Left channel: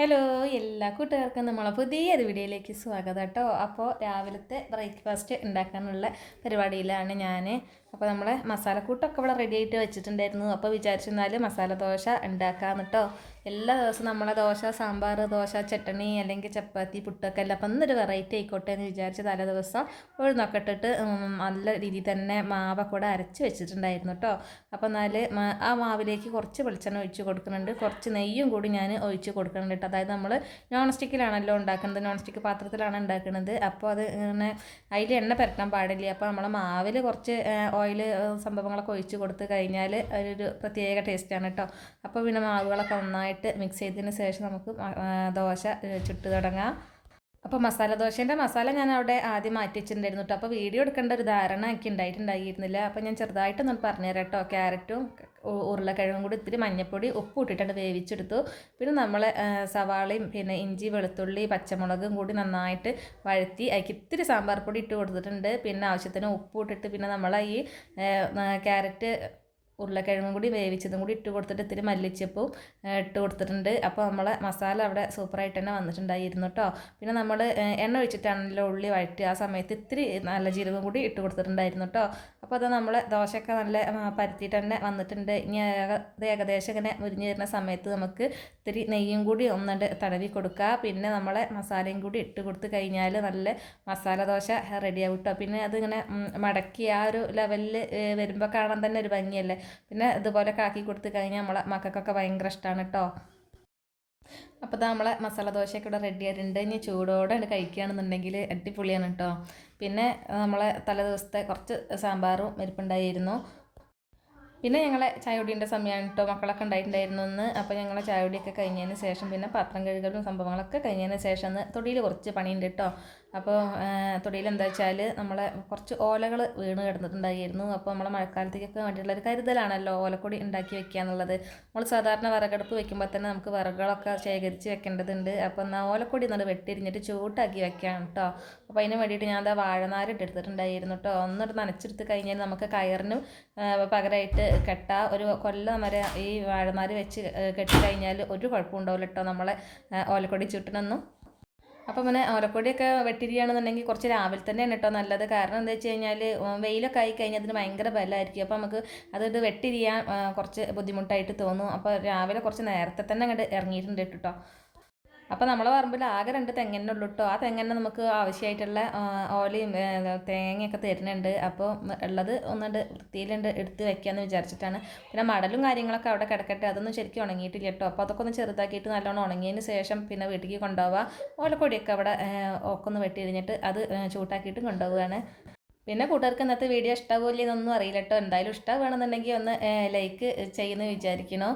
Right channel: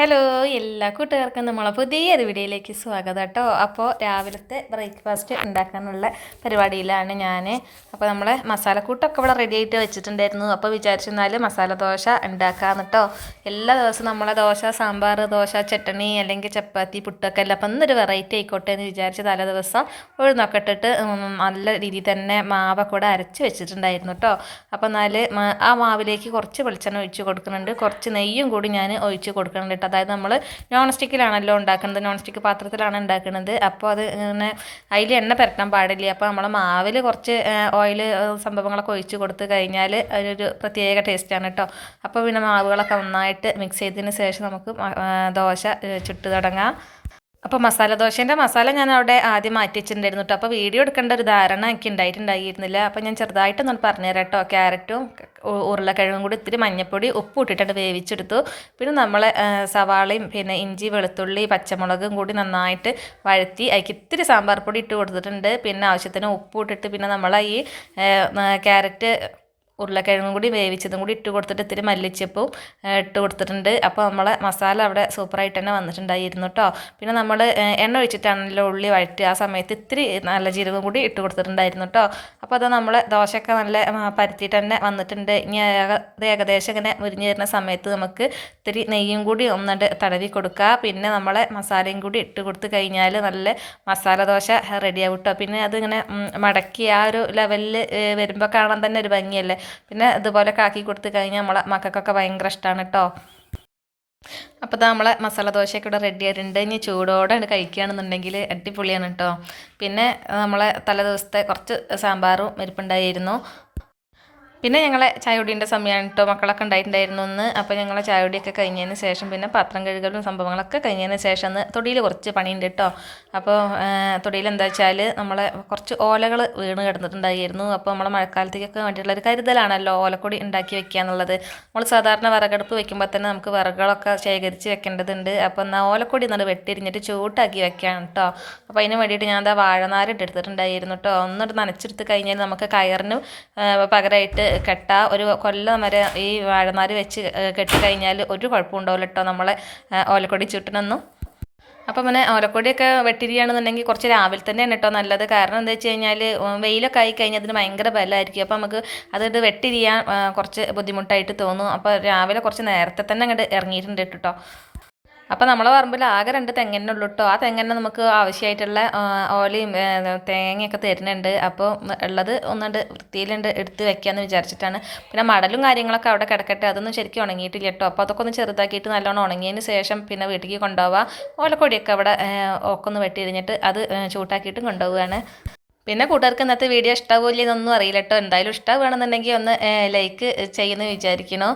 Hello എല്ലാ കൂട്ടുകാർക്കും നമ്മളെ പുതിയൊരു വീഡിയോയിലേക്ക് സ്വാഗതം കേട്ടോ. അപ്പോൾ രാവിലത്തെ ബ്രേക്ക്ഫാസ്റ്റ് ഉണ്ടാക്കാനുള്ള പരിപാടിയിലാണ് ഞാൻ. അപ്പോൾ നമ്മളെ മസാലക്കൂട്ടൊക്കെ ഇവിടെ റെഡി ആയിട്ട് വെച്ചിട്ടുണ്ടായിരുന്നു. അപ്പോൾ വിചാരിച്ചെന്നാൽ മസാല ദോശ ഉണ്ടാക്കാമെന്ന് കേട്ടോ. എല്ലാ ദിവസവും നമ്മളെ ദോശ, സാമ്പാർ, ദോശ, ചട്ടണി അല്ലെങ്കിൽ ചപ്പാത്തി, പുട്ടൊക്കെ അല്ല. അപ്പം ഇന്നൊരു വെറൈറ്റി ആയിക്കോട്ടെ എന്ന് വിചാരിച്ച് തലേ ദിവസം ഉഴുന്നൊക്കെ ഇട്ടിട്ട് നല്ല രീതിയിൽ തന്നെ മാവൊക്കെ ഇവിടെ അരച്ച് വെച്ചിട്ടുണ്ടായിരുന്നു കേട്ടോ. അപ്പോൾ എന്നാൽ ആ മാവിലേക്ക് കുറച്ച് വെളിച്ചെണ്ണ ഒഴിച്ച് കൊടുക്കുന്നുണ്ട്, കുറച്ച് നെയ്യും കൂടി ഞാൻ ഒഴിച്ച് കൊടുക്കുന്നുണ്ട്. അതായത് നമ്മൾ നോൺ സ്റ്റിക്കിലാണല്ലോ ഉണ്ടാക്കുന്നത്, നോൺ സ്റ്റിക്ക് പാത്രത്തിലാണ് ഉണ്ടാക്കുന്നത്. അപ്പോൾ അത് ഇങ്ങനെ അതിൽ എണ്ണ പുരട്ടാൻ പാടില്ല. അപ്പോൾ നമ്മൾ മാവിൽ കുറച്ച് ഓയിൽ സംഭവങ്ങളൊക്കെ ഒഴിച്ച് കൊടുത്ത് കഴിഞ്ഞാൽ ഒരു പ്രത്യേക ടേസ്റ്റാണ് കേട്ടോ. അപ്പോൾ പിന്നെ മാവുകളൊക്കെ നന്നായിട്ട് മിക്സ് ചെയ്തതിന് ശേഷം നമുക്ക് ദോശ ചുട്ട് തുടങ്ങാം. അപ്പോൾ മസാല ദോശേൻ്റെ മസാല ഞാൻ അവിടെ ആദ്യം മാറ്റി വെച്ചിട്ടുണ്ടായിരുന്നു കേട്ടോ. അപ്പോൾ വീഡിയോ എടുക്കേണ്ട ഒരു ധാരണ എനിക്ക് ഉണ്ടായിട്ടുണ്ടായിരുന്നില്ല. അപ്പോൾ ഞാൻ ചെറുതായിട്ടൊന്ന് പറഞ്ഞുതരാം കേട്ടോ. ക്യാരറ്റും ഉരുളക്കിഴങ്ങും കൂടി ഇത്തിരി മഞ്ഞൾപ്പൊടി ഉപ്പ് ഇട്ടിട്ട് വേവിച്ചെടുത്തു. പിന്നെ നമ്മൾ സവാളയും പിന്നെ ഇഞ്ചി, വെളുത്തുള്ളി, പച്ചമുളകും കൂടി നന്നായിട്ട് വഴറ്റി അതിലേക്ക് ഇത്തിരി സാമ്പാർ പൊടി ഇട്ട് കൊടുത്തിട്ടുണ്ട്. പിന്നെ ആവശ്യത്തിന് ഉപ്പ് ഇട്ടിട്ട് പിന്നെ നമ്മൾ ഈ ക്യാരറ്റ് ഉരുളക്കിഴങ്ങും കൂടി വേവിച്ചതും കൂടി ഇട്ട് കൊടുത്തിട്ട് ഇത്തിരി മല്ലിച്ചപ്പും ഇട്ട് കൊടുത്തിട്ടുണ്ട്. അപ്പോൾ നമ്മളെ മസാല അവിടെ സൂപ്പറായിട്ട് തന്നെ വന്നിട്ടുണ്ടായിരുന്നു കേട്ടോ. പിന്നെ നമ്മൾ എണ്ണ ഒഴിച്ചിട്ടാണല്ലോ ഉള്ളി വഴറ്റുക. ആ സമയത്ത് ഇത്തിരി നല്ല ജീരകം കൂടി ഇട്ട് കൊടുത്തിട്ടുണ്ടായിരുന്നു കേട്ടോ. അപ്പോൾ അത് നമ്മൾ ദോശയൊക്കെ നല്ല പരത്തിയിട്ട് തന്നെ വന്നിട്ടുണ്ട്. ഇനി അത് ഏകദേശം ഇങ്ങനെ മുരിഞ്ഞ് വരുന്ന സമയത്ത് നമുക്ക് ഇത്തിരി നെയ്യും കൂടി ഒന്നുണ്ട് തടവി കൊടുക്കുക. പിന്നെ നമ്മളെ മസാലയും കൂടി ഇട്ട് കൊടുത്ത് കഴിഞ്ഞാൽ നല്ല മസാല ദോശ റെഡിയാവും കേട്ടോ. പിന്നെ അതിങ്ങനെ മടക്കി ആ ഒരു ലെവലിൽ വരുമ്പോൾ കാണാൻ തന്നെ ഒരു ഭംഗിയല്ലേ. പിന്നെ ഇതുപോലെ കാക്കി കൊടുത്ത് കഴിഞ്ഞാൽ നമ്മളെ മക്കൾക്കൊക്കെ ഭയങ്കര ഇഷ്ടമാണ് കേട്ടോ. അപ്പോൾ ഇത് നമ്മളെ മസാല ദോശയൊക്കെ ഇവിടെ റെഡി ആയിട്ടുണ്ട്. ഇനി ചൂടോടെ കഴിക്കുകയാണെന്നുണ്ടെങ്കിൽ അടിപൊളിയാണ് കേട്ടോ. പിന്നെ നമ്മളെ തലേ ദിവസത്തെ കുറച്ച് സാമ്പാറും ഇരിപ്പുണ്ടായിരുന്നു. പിന്നെ ഞങ്ങളെ ചായകുടീൻ്റെ സമയമാണ് കേട്ടോ. മക്കളൊക്കെ ഉണ്ടായിട്ടുണ്ടായിരുന്നു ഒന്ന്. അപ്പോൾ ഞങ്ങളെ ചായകുടിയൊക്കെ കഴിഞ്ഞതിന് ശേഷം പിന്നെ പാത്രം കഴുകലും സംഭവങ്ങളൊക്കെ കഴിഞ്ഞതിന് ശേഷം ഒന്ന് തൊടിയിൽ കുറച്ച് പണിയുണ്ട് കേട്ടോ. അപ്പോൾ തൊടിയിൽ എന്താ വെച്ചാൽ നമ്മളെ കുറച്ച് ഓലകൾ വീണ് കിടന്നിട്ടുണ്ടായിരുന്നു. അപ്പോൾ നമ്മളെ മഴക്കാലത്തേക്കൊക്കെ വേണ്ടിയിട്ടുള്ള ഒരു കരുതലാണല്ലോ ഓലക്കൊടി ഉണ്ടാക്കി വെക്കുക എന്നുള്ളത്. നമ്മൾ സാധാരണ വിറകടുപ്പ് വെക്കുമ്പോൾ തന്നെ നമുക്ക് വിറകുകളൊക്കെ ശേഖരിച്ച് വെക്കേണ്ടതുണ്ട്. അപ്പോൾ എന്നാൽ ഓലക്കൊടി എന്നത് വെട്ടിരിഞ്ഞിട്ട് ചൂട്ടാക്കി വെക്കുകയാണ് കേട്ടോ. അപ്പോൾ അതിന് വേണ്ടിയിട്ട് ഞാൻ എന്താ വാഴനാര് എടുത്തിട്ടുണ്ടായിരുന്നു കേട്ടോ. ഒന്നിട്ട് നനച്ചെടുത്ത് കഴിഞ്ഞാൽ നമുക്ക് കയറിന് പകരമായിട്ട് കെട്ട ഒരു കൊല്ലം വരെ ഈ വാഴനാര് വെച്ച് കെട്ടിക്കഴിഞ്ഞാൽ ഒരു കുഴപ്പം ഉണ്ടാവില്ല കേട്ടോ നമ്മളെ ഓലക്കൊടി ചുട്ടിനൊന്നും. അപ്പം പിന്നെ ഓലക്കൊടിയൊക്കെ വെട്ടിരിക്കുകയാണെന്നുണ്ടെങ്കിൽ കുറച്ച് രാവിലെ തന്നെയാണ് കേട്ടോ നല്ലത്. കാരണം എന്താ വെച്ച് കഴിഞ്ഞാൽ വെയിലൊക്കെ ആയി കഴിഞ്ഞാൽ അതിന് ഭയങ്കര ബലമായിരിക്കും. അപ്പോൾ നമുക്ക് അത് വെട്ടിരിയാൻ കുറച്ച് ബുദ്ധിമുട്ടായിട്ട് തോന്നും. അപ്പോൾ രാവിലെ കുറച്ച് നേരത്തെ തന്നെ അങ്ങോട്ട് ഇറങ്ങിയിട്ടുണ്ട് കേട്ടോ. അപ്പോൾ നമ്മളെ പറമ്പിൽ ആകെ 2 തെങ്ങന്നെ ഉള്ളൂ കേട്ടോ. ആ തെങ്ങന്നെ നമുക്ക് ആവശ്യമായിട്ടുള്ള ഓലയും തേങ്ങയൊക്കെ തരുന്നുണ്ട്. അപ്പോൾ ഉള്ളത് ഒന്നുകൊണ്ട് വൃത്തിയിലുണ്ട് എടുത്ത് വെക്കാമെന്ന് വിചാരിച്ചിട്ടാണ്. പിന്നെ മടലും കാര്യങ്ങളൊക്കെ അവിടെ കിടക്കട്ടെ, അതൊന്നും ശരിക്കും ഉണങ്ങിയിട്ടില്ല കേട്ടോ. അപ്പോൾ അതൊക്കെ ഒന്ന് ചെറുതാക്കിയിട്ട് നല്ലോണം ഉണങ്ങിയതിന് ശേഷം പിന്നെ വീട്ടിലേക്ക് കൊണ്ടുപോവുക. ഓലക്കൊടിയൊക്കെ അവിടെ ഒക്കെ ഒന്ന് വെട്ടിയിരിഞ്ഞിട്ട് അത് ചൂട്ടാക്കിയിട്ടും കൊണ്ടുപോവുകയാണ്. പിന്നെ കൂട്ടുകാർക്ക് ഇന്നത്തെ വീഡിയോ ഇഷ്ടമാവില്ല എന്നൊന്നും അറിയില്ല കേട്ടോ. എന്തായാലും ഇഷ്ടമാണെന്നുണ്ടെങ്കിൽ ഒന്ന് ലൈക്ക് ചെയ്യുമെന്ന് വിചാരിക്കണോ.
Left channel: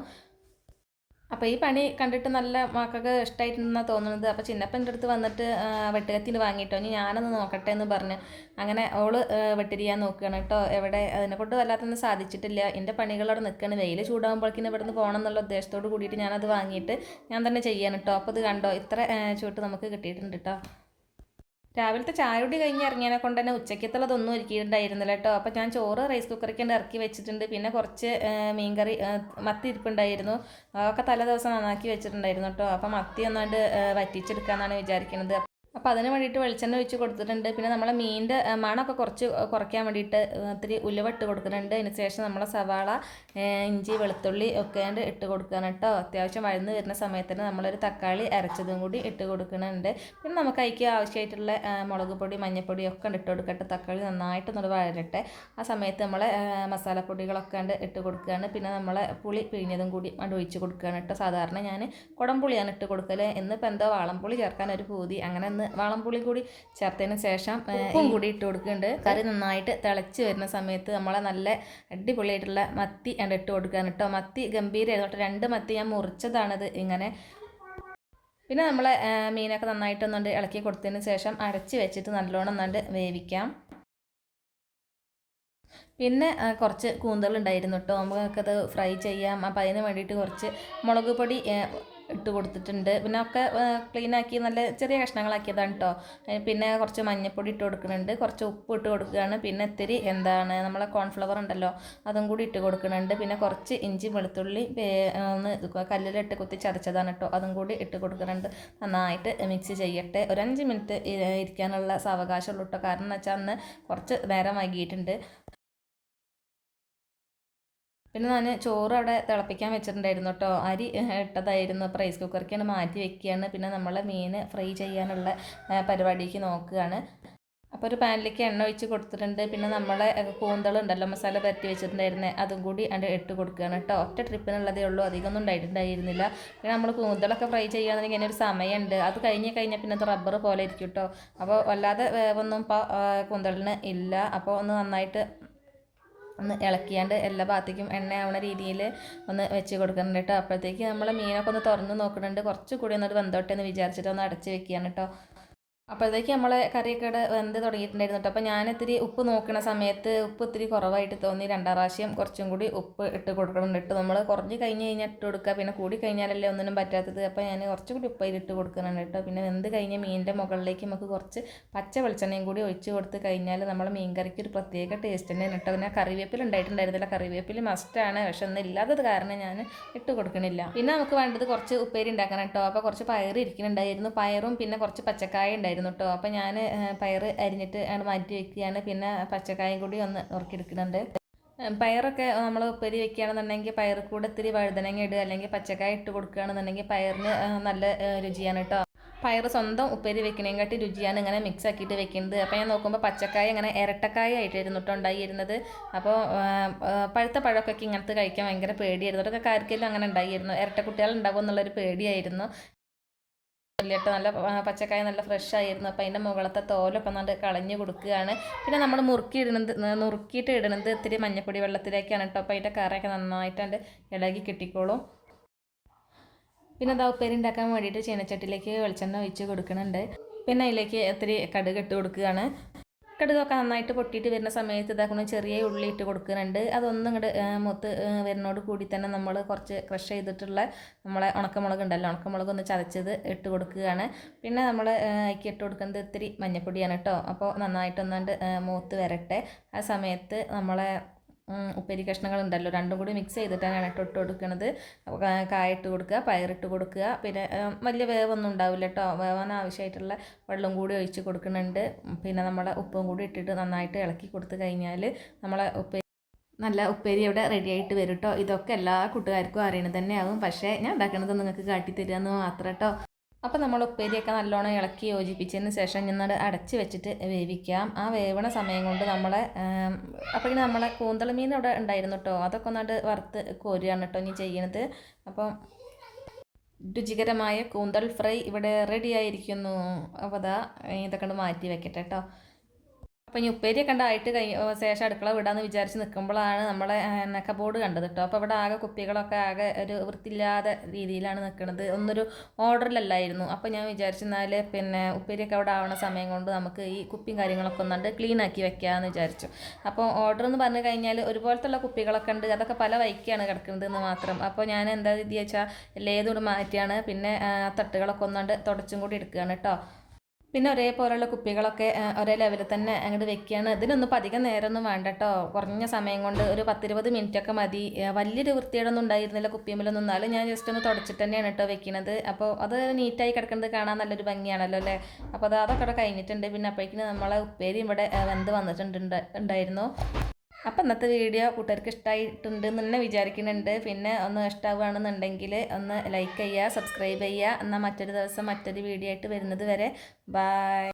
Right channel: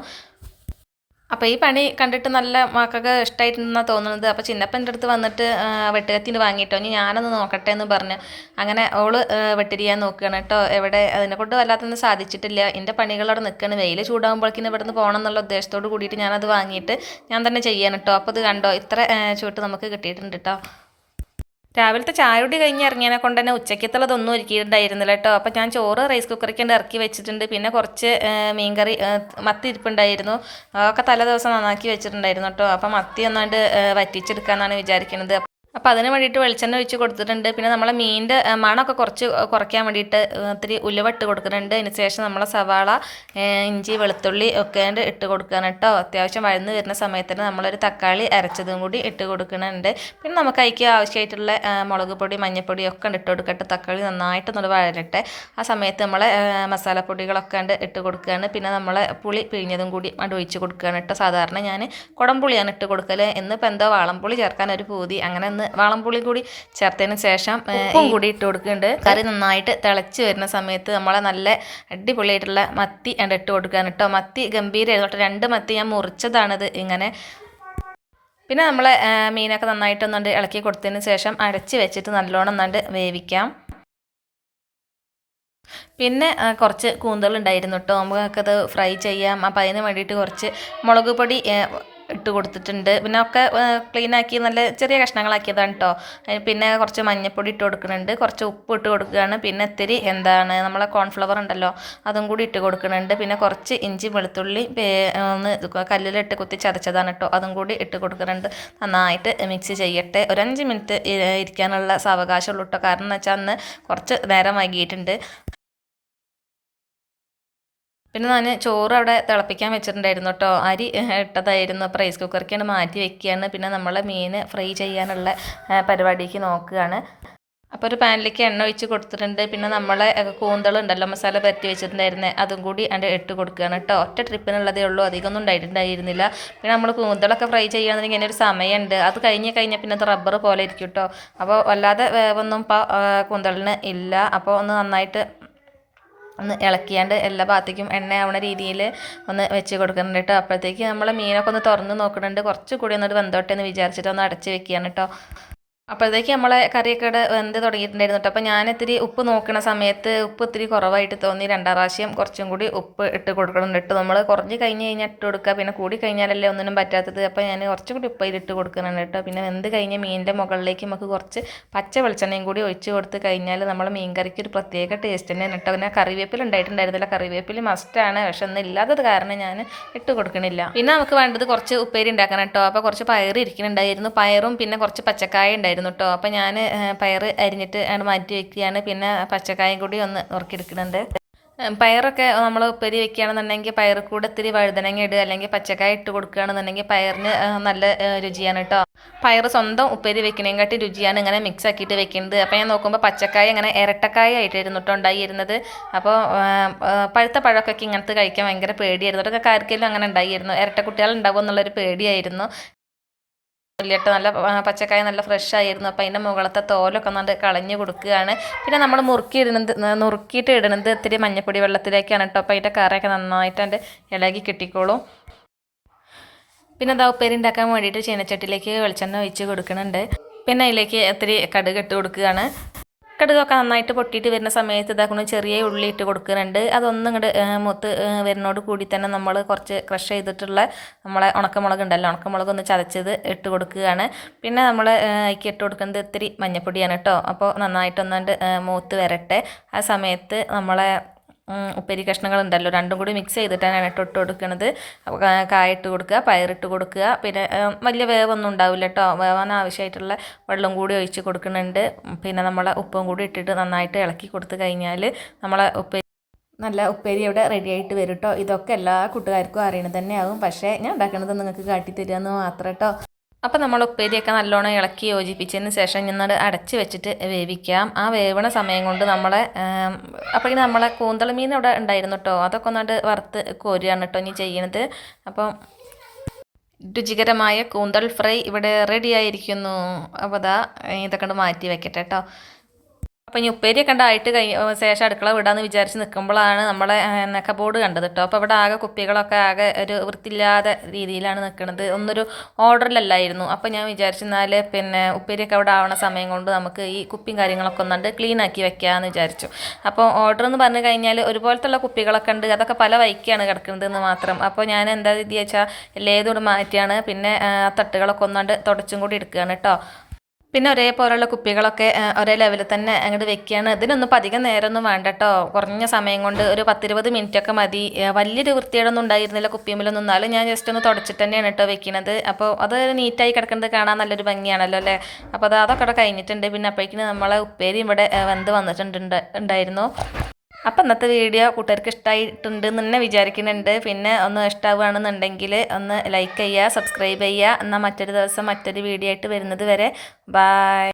അപ്പോൾ ഈ പണി കണ്ടിട്ട് നല്ല മക്കൾക്ക് ഇഷ്ടമായിട്ടെന്നാണ് തോന്നുന്നത്. അപ്പോൾ ചിന്നപ്പൻ്റെ അടുത്ത് വന്നിട്ട് വെട്ടുകത്തിന് വാങ്ങിയിട്ടോ, ഇനി ഞാനൊന്ന് നോക്കട്ടെ എന്ന് പറഞ്ഞ് അങ്ങനെ ഓള് വെട്ടിരിയാൻ നോക്കുകയാണ് കേട്ടോ. എവിടെ അതിനെക്കൊണ്ട് വല്ലാത്തൊന്നും സാധിച്ചിട്ടില്ല. എൻ്റെ പണികളവിടെ നിൽക്കുകയാണ്. വെയിൽ ചൂടാകുമ്പോഴേക്കിന് ഇവിടെ നിന്ന് പോകണം എന്നുള്ള ഉദ്ദേശത്തോട് കൂടിയിട്ട് ഞാനത് വാങ്ങിയിട്ട് ഞാൻ തന്നെ ചെയ്യാൻ കേട്ടോ. അപ്പോൾ ഇത് കണ്ടോ, ഇത്ര ചൂട്ട് നമുക്ക് കിട്ടിയിട്ടുണ്ട് കേട്ടോ. രാവിലത്തെ ചായയോടി കഴിഞ്ഞ് ഇറങ്ങിയതിനെ കൊണ്ട് തന്നെ ഉച്ചയ്ക്കത്തുള്ളതൊന്നും ഒരുക്കിയിട്ടുണ്ടായിരുന്നില്ല കേട്ടോ. അപ്പോൾ ഞാൻ ചോറ് റൈസ് കുക്കറിലേക്ക് ഇറക്കി വെച്ചിട്ടുണ്ട്. പിന്നെ കുറച്ച് മീൻകറി മത്തി ഇരിപ്പുണ്ടായിരുന്നു. അതൊക്കെ തലേ ദിവസം നന്നാക്കി വെച്ചിട്ടുണ്ടായിരുന്നു കേട്ടോ. അപ്പോൾ മത്തി ഒന്നാണ്ട് വറ്റിച്ചെടുക്കാമെന്നാണ് വിചാരിക്കുന്നത്. അപ്പോൾ അതിന് വേണ്ടിയിട്ട് വെളിച്ചെണ്ണ ഒഴിച്ച് കൊടുത്തിട്ടുണ്ട്. പിന്നെ നമ്മളെ മീനിൻ്റെ മണമൊക്കെ കുറച്ച് കുറയ്ക്കാൻ വേണ്ടിയിട്ട് ഇത്തിരി ഉലുവ ഇട്ട് കൊടുക്കുന്നുണ്ട്. അതിന് ശേഷം നമ്മളെ സവാള, ഇഞ്ചി, വെളുത്തുള്ളി ഒക്കെ ഇട്ട് കൊടുക്കുകയാണ് കേട്ടോ. അത്യാവശ്യം വഴന്ന് വരുന്ന സമയത്തിന് നമ്മളൊരു തക്കാളി അരച്ചതും കൂടി ഇട്ട് കൊടുക്കുന്നുണ്ട്. പിന്നെ നമുക്ക് അതിലേക്ക് ആവശ്യമായിട്ടുള്ള മുളക് പൊടി, മഞ്ഞൾപ്പൊടി ഒക്കെ ഇട്ട് കൊടുക്കട്ടെ. തക്കാളി നന്നായിട്ടൊന്ന് വഴരട്ടെ. ആ സമയത്ത് നമ്മളെ മസാലപ്പൊടികളൊക്കെ ഇട്ട് കൊടുക്കുകയാണ്. പിന്നെ നമ്മളെ പുളി പിഴിഞ്ഞതും കൂടി ഒഴിച്ച് കൊടുക്കുകയാണ് കേട്ടോ. സാധാരണ ഞാൻ കുടംപുളിയാണ് ഇട്ട് കൊടുക്കൽ. എന്നിപ്പോൾ എന്തോ വാളംപുളി ചേർക്കാൻ ഒരു പൂതി, അങ്ങനെ വാളംപുളി കൂടി ചേർത്തതിന് ശേഷം ഉപ്പും കൂടി ഇട്ട് കൊടുക്കുന്നുണ്ട്. കറി നന്നായിട്ട് തിളച്ച് വരുന്ന സമയത്ത് നമ്മളെ നല്ല അടിപൊളിയായിട്ടുള്ള മത്തി ഇട്ട് കൊടുക്കാൻ കേട്ടോ. മത്തി ഗംഭീരമായിരുന്നു. 2 മത്തി ഞാൻ മുറിച്ചതാണിത് ഇങ്ങനെ. പിന്നെ നമ്മളെ മീനൊക്കെ നന്നായിട്ടൊന്നുണ്ട് ഇളക്കി കൊടുത്തതിന് ശേഷം അടച്ച് വെച്ചിട്ട് നല്ലോണം ഒന്നുണ്ട് വേവിക്കാം. പിന്നെ കുറച്ച് കൂന്തലുണ്ടായിരുന്നു കേട്ടോ. നമുക്കത് ഫ്രൈ ചെയ്യാം. അപ്പോൾ അതിന് വേണ്ടിയിട്ട് കുറച്ച് മുളക് പൊടി ഇട്ട് കൊടുത്തിട്ടുണ്ട്. പിന്നെ ഒക്കെ ക്ലീനാക്കി നല്ല ചെറിയ കഷ്ണങ്ങളാക്കിയതാണ് കേട്ടോ. പിന്നെ കുറച്ച് മഞ്ഞൾപ്പൊടി ഇട്ട് കൊടുക്കുന്നുണ്ട്, കുറച്ച് ഉപ്പ് ഇട്ട് കൊടുക്കുകയാണ്, പിന്നെ ഇത്തിരി നമ്മളെ കോൺഫ്ലവർ ഉണ്ടല്ലോ അതും കൂടി ഇട്ട് കൊടുക്കുന്നുണ്ട്, പിന്നെ കുറച്ച് ഇഞ്ചി വെളുത്തുള്ളി ഒന്ന് കല്ലിലിട്ട് കുത്തി ചതച്ചതാണ് കേട്ടോ അതും കൂടി ഇട്ട് കൊടുക്കുന്നുണ്ട്. നന്നായിട്ട് മിക്സ് ചെയ്യട്ടെ. ഒരു 5 മിനിറ്റ് ഇരിക്കാനുള്ള സാവകാശമുള്ളൂ കേട്ടോ. കാരണം എന്ന് വെച്ചാൽ അന്ന് കുറച്ച് നേരം വൈകിയിട്ടുണ്ട്. പിന്നെ ഞാൻ ചോറ് അവിടെ തിളപ്പിക്കാൻ വെച്ചിട്ടുണ്ടായിരുന്നു കേട്ടോ. അരി ഇട്ടതായിരുന്നു. അപ്പോൾ റൈസ് കുക്കറിലേക്കാണ് മാറ്റി വെക്കുകയാണ്. പിന്നെ നമ്മൾ മീൻ ഫ്രൈ ചെയ്യാനുള്ള പരിപാടിക്ക് നോക്കുകയാണ്. അപ്പോൾ ഒരു പാനിലേക്ക് എണ്ണ ഒഴിച്ച് കൊടുത്തിട്ടുണ്ട്. പിന്നെ നമ്മളെ കൂന്തളുണ്ടല്ലോ മസാല പരട്ടി വെച്ചിട്ടുണ്ടായിരുന്നത് അതും കൂടി അതിൻ്റെ ഇട്ട് കൊടുക്കുകയാണ് കേട്ടോ. ഒറ്റ ട്രിപ്പിനുള്ളതേ ഉള്ളൂ, അധികമൊന്നും ഉണ്ടായിട്ടുണ്ടായിരുന്നില്ല. പിന്നെ നമ്മൾ കൂന്തളൊക്കെ ഫ്രൈ ചെയ്യുകയാണെന്നുണ്ടെങ്കിൽ ഇങ്ങനെ ഒരു സമയമുണ്ട്. അത് കഴിഞ്ഞാൽ പിന്നെ അത് റബ്ബർ പോലെ ഇരിക്കും കേട്ടോ. അപ്പോൾ വല്ലാതെ വേവൊന്നും ഇപ്പോൾ കൂന്തളിന് ഇല്ല. അപ്പോൾ ഒന്ന് നന്നായിട്ട് ഒന്ന് ഇളക്കിയാണ്ട് എല്ലാ ഭാഗത്തേക്കും എണ്ണ ആവണ രീതിയിൽ ഒന്ന് വെച്ച് കൊടുക്കുന്നുണ്ട് കേട്ടോ. അപ്പോഴത്തേക്ക് നമ്മൾ മീനൊക്കെ ഒന്ന് തുറന്ന് നോക്കുന്നുണ്ട്. കുറച്ച് കൂടി ഒന്നൊരു വെന്തോട്ടെ എന്ന് വിചാരിച്ചിട്ട് ഒന്ന് അടച്ച് വെക്കുകയാണ് കേട്ടോ. അപ്പോഴത്തേക്ക് നമ്മളെ കറിയൊക്കെ വെന്ത് തുടങ്ങിയിട്ടുണ്ടായിരുന്നു കേട്ടോ. അപ്പോൾ ഞാൻ ഇത്തിരി ഉപ്പ് നോക്കുന്ന സമയത്ത് ഉപ്പ് ഇത്തിരി കുറവായിട്ട് തോന്നി. 2 പ്രാവശ്യം കുറച്ചും കൂടി ഉപ്പ് ഇട്ട് കൊടുക്കണം കേട്ടോ. നമ്മൾ കുറഞ്ഞ് കഴിഞ്ഞ് കഴിഞ്ഞാൽ ഇട്ട് കൊടുക്കുക, പിന്നെ കൂടി കഴിഞ്ഞാലല്ലേ ഒന്നിനും പറ്റാത്തത്. അപ്പോൾ ഞാൻ കുറച്ചുകൂടി ഉപ്പ് ഇട്ട് കൊടുക്കുന്നുണ്ട് കേട്ടോ. പിന്നെ വെന്ത് കഴിഞ്ഞ് മീനിൻ്റെ മുകളിലേക്ക് നമുക്ക് കുറച്ച് പച്ച വെളിച്ചെണ്ണയും കൂടി ഒഴിച്ച് കൊടുത്ത് കഴിഞ്ഞാൽ നമ്മളെ മീൻ കറിക്ക് ഒരു പ്രത്യേക ടേസ്റ്റ് തന്നെയാണ് കേട്ടോ. പിന്നെ കറിവേപ്പില ഉണ്ടായിട്ടുണ്ടായിരുന്നില്ല, കറിവേപ്പില മസ്റ്റാണ്, പക്ഷെ ഒന്നും ഇല്ലാത്തത് കാരണം ഞാൻ ഇട്ട് കൊടുക്കണില്ല. പിന്നെ നമുക്ക് വേണ്ടത് കുറച്ച് ഉപ്പേരി ഉണ്ടാക്കണം കേട്ടോ. അപ്പോൾ കുറച്ച് പയർ ഇരിക്കുന്നുണ്ടായിരുന്നു, പയറും പിന്നെ കുറച്ച് പച്ചക്കായ ഉണ്ടായിരുന്നു കേട്ടോ. അപ്പോൾ ഞാൻ പയർ അരിഞ്ഞിട്ട് മാറ്റി വെക്കുകയാണ്. പിന്നെ പച്ചക്കായും കൂടി ഒന്ന് നുറുക്കിയെടുക്കുന്നുണ്ട്. പയറൊക്കെ നമ്മൾ ഉപ്പേരി വെക്കുകയാണെന്നുണ്ടെങ്കിൽ പയർ കൂടെ ഇത്തിരി വഴുതനങ്ങ ഇടുക, അല്ലെങ്കിൽ പച്ചക്കായ ഇട്ട് കൊടുക്കുകയാണെന്നുണ്ടെങ്കിൽ പയറിന് നല്ല രുചിയാണ് കേട്ടോ. പയർ സ്വന്തം ഉപ്പേരി വെക്കണേക്കാട്ടി രുചിയാണ് ഇങ്ങനെ മിക്സ് ആക്കിയിട്ട് വെക്കുന്നത്. അപ്പോൾ ഞാൻ നോക്കുമ്പോൾ പച്ചക്കായ ഇങ്ങനെ ഇരട്ടക്കായ ആയിട്ടായിരുന്നു കേട്ടോ ഉണ്ടായിരുന്നത്. അപ്പോൾ പഴുത്ത പഴമൊക്കെ ഇങ്ങനത്തെ കഴിക്കാൻ ഭയങ്കര പേടിയായിരുന്നു. അതൊക്കെ ആർക്കെങ്കിലും അങ്ങനെ ഉണ്ടായിരുന്നു, ഇരട്ട കുട്ടികൾ ഉണ്ടാവും എന്നുള്ളൊരു പേടിയായിരുന്നു. കേട്ടോ നല്ല പച്ചക്കായ നല്ല ഫ്രഷ് ആയിരുന്നു. അപ്പോൾ അതിൻ്റെ മുകളത്തെ തോലൊക്കെ നന്നായിട്ട് കളഞ്ഞ് കൊടുക്കുകയാണ്. പിന്നെ നമ്മൾ നുറുക്കിയിട്ട് ഇടുന്നത് ഇത്തിരി മഞ്ഞപ്പൊടി വെള്ളത്തിലേക്കാണ് കേട്ടോ. അപ്പോൾ അതിൻ്റെ കറിയൊക്കെ നന്നായിട്ട് അതിൻ്റെ ഇളകി കിട്ടിക്കോളും. പിന്നെ അതാ ഉപ്പേരി ഉണ്ടാക്കാൻ വേണ്ടിയിട്ട് ചീനച്ചട്ടിയിലേക്ക് വെളിച്ചെണ്ണ ഒഴിച്ച് കൊടുക്കുന്നുണ്ട്. പിന്നെ അതിലേക്ക് ഇത്തിരി കടുക് ഇട്ട് കൊടുക്കുകയാണ്. കടുകൊക്കെ നന്നായിട്ട് പൊട്ടിയിട്ട് വരുന്ന സമയത്ത് ഇതാക്കണം ചെറിയ ഉള്ളി ഇട്ട് കൊടുക്കുന്നുണ്ട്. അതൊന്നും ഇങ്ങോട്ട് മൂത്ത് വരുന്നോട് കൂടി തന്നെ നമ്മൾ കുറച്ച് ക്രഷ് ചെയ്തിട്ടുള്ള നമ്മളെ ഉണക്കമുളക് ഉണ്ടല്ലോ, ഉണക്കമുളക് ഒന്ന് ചതച്ചത് ഇട്ട് കൊടുക്കുകയാണ്. പിന്നെ നമ്മൾ അതിലേക്ക് ഇട്ട് കൊടുക്കുന്നത് ഇത്തിരി മഞ്ഞപ്പൊടിയാണ് കേട്ടോ. അപ്പോൾ നന്നായിട്ടൊന്നുകൊണ്ട് മൂത്ത് വരട്ടെ. ആ സമയത്ത് നമ്മളെ ഉപ്പേരി കഷ്ണങ്ങളുണ്ടല്ലോ രണ്ടും കൂടി മിക്സ് ചെയ്തിട്ടാണ് ഇട്ട് കൊടുക്കുന്നത്. കായ ഇട്ട് കൊടുക്കുക, പയറിട്ട് കൊടുക്കുക. പിന്നെ വലിയ വേവൊന്നും ഉണ്ടാവില്ല കേട്ടോ. വേവാൻ ആവശ്യമായിട്ടുള്ള വെള്ളം കൂടി ഒഴിച്ച് കൊടുക്കുന്നുണ്ട്. പിന്നെ നമ്മളെ ഉപ്പും കൂടി ഇട്ടിട്ട് നന്നായിട്ട് ഇളക്കി കൊടുത്തു കഴിഞ്ഞാൽ നമ്മളെ നല്ല ഉപ്പേരി ഇവിടെ റെഡി ആയിട്ട് വരും കേട്ടോ. ഇതൊക്കെ എല്ലാ കൂട്ടുകാർക്കും അറിയണത് തന്നെയാവും, പക്ഷേ ഞാൻ ഉണ്ടാക്കുന്നത് നിങ്ങൾക്ക് കാട്ടിത്തരിക എന്ന് മാത്രം കേട്ടോ. അപ്പോൾ നമ്മൾ ഉപ്പേരിയൊക്കെ നല്ലോണം ഇളക്കി യോജിപ്പിച്ചതിന് ശേഷം ഞങ്ങൾ അടച്ച് വെച്ചിട്ട് വേവിക്കാം. ആ വേവണ സമയം കൊണ്ട് അപ്പോഴേക്കും നമ്മളെ കൂന്തൾ മീൻ ഇവിടെ ഉണ്ടായിരുന്നു കേട്ടോ. അതൊക്കെ ഒന്നാണ്ട് വറുത്ത് കോരുകയാണ് കേട്ടോ ഇനി ചെയ്യണത്. അപ്പം രുചികരമായ കൂന്തൾ ഫ്രൈ ഇവിടെ റെഡി ആയിരിക്കുന്നു. അപ്പോൾ ഇതൊക്കെ മാറ്റി വെക്കട്ടെ കേട്ടോ. അപ്പോൾ ഇനി ഉപ്പേരിയൊക്കെ ഉണ്ടായിട്ട് ശേഷം അടുക്കള വിടാമെന്ന് വിചാരിച്ച് നിൽക്കുമ്പോഴാണ് നമ്മളെ കബോർഡ് കണ്ടത് കേട്ടോ. അപ്പോൾ ഇവിടെ ആകെ കുപ്പികളൊക്കെ ആകെ ഒരു വൃത്തിയില്ലാത്ത രീതിയിലാണ് നിൽക്കുന്നത്. ഒന്നൊരു ഓർഡറിലല്ലായിരുന്നു. അപ്പോൾ ഞാൻ വിചാരിച്ചെന്നാൽ പിന്നെ ഉപ്പേരിയൊക്കെ അവിടെ ആവണ സമയം കൊണ്ട് നമുക്ക് ഈ കുപ്പിയും കാര്യങ്ങളൊക്കെ ഒന്നുണ്ട് ക്ലീൻ ആക്കി വെക്കാമെന്ന് വിചാരിച്ചു. അപ്പോൾ ഓർഡർ എന്ന് പറഞ്ഞു കഴിഞ്ഞാൽ ഒരുപോലത്തുള്ള കുപ്പികളൊക്കെ ഉണ്ട്, അതൊക്കെ പല വൈക്കാണ് കിടക്കുന്നത് എന്ന് മാത്രം. അപ്പോൾ ഞാൻ എന്താ രീതി വെച്ചാൽ ഏതോട് മാറ്റിയാണ് പിന്നെ തട്ടുകളൊക്കെ ഒന്നാണ്ട് തുടച്ചും കൂടി എടുക്കുകയാണ് കേട്ടോ. പിന്നെ ഒരേപോലെയുള്ള കുപ്പികളൊക്കെ ഒരേ ലെവലിൽ തന്നെ അങ്ങോട്ട് വെക്കുകയാണ്. ഇതിനൊന്നും അധികം നേരമൊന്നും വേണ്ട കേട്ടോ. കുറഞ്ഞ സമയം കൊണ്ട് ഒരു 10-20 മിനിറ്റൊക്കെ മതി. വലിയൊരു വൃത്തിയോടൊന്നും ഉണ്ടായിരുന്നില്ല കുപ്പിയുമ്മിലൊന്നും. എന്നാലും ഞാൻ ജസ്റ്റ് ഒന്ന് തുടച്ചിട്ട് തന്നെയാണ് കേട്ടോ വെക്കുന്നത്. അപ്പോൾ അത് നീറ്റായി കിടക്കുന്നത് കാണാൻ നല്ലൊരു ഭംഗിയാണല്ലോ അല്ലേ. അപ്പോൾ അതൊക്കെ അവിടെ കഴിഞ്ഞിട്ടുണ്ട്. പിന്നെ അപ്പോഴേക്കും നമ്മളെ ഉപ്പേരി ഇവിടെ വെന്ത് ഉണ്ടായിരുന്നു. അപ്പം ഇന്നത്തെ വീഡിയോ കൂട്ടുകാർക്ക് ഇഷ്ടമായിട്ടുണ്ട് എന്ന് തന്നെ വിചാരിക്കുന്നുണ്ട്. പിന്നെ ഒന്ന് ഇഷ്ടമാവുകയാണെന്നുണ്ടെങ്കിൽ ഒന്ന് ലൈക്ക് ചെയ്യുക, സബ്സ്ക്രൈബ് ചെയ്യുക. എന്നാൽ മറ്റൊരു ദിവസം മറ്റൊരു വീഡിയോ ആയിട്ട് വരുന്നത് വരെ ബായ്.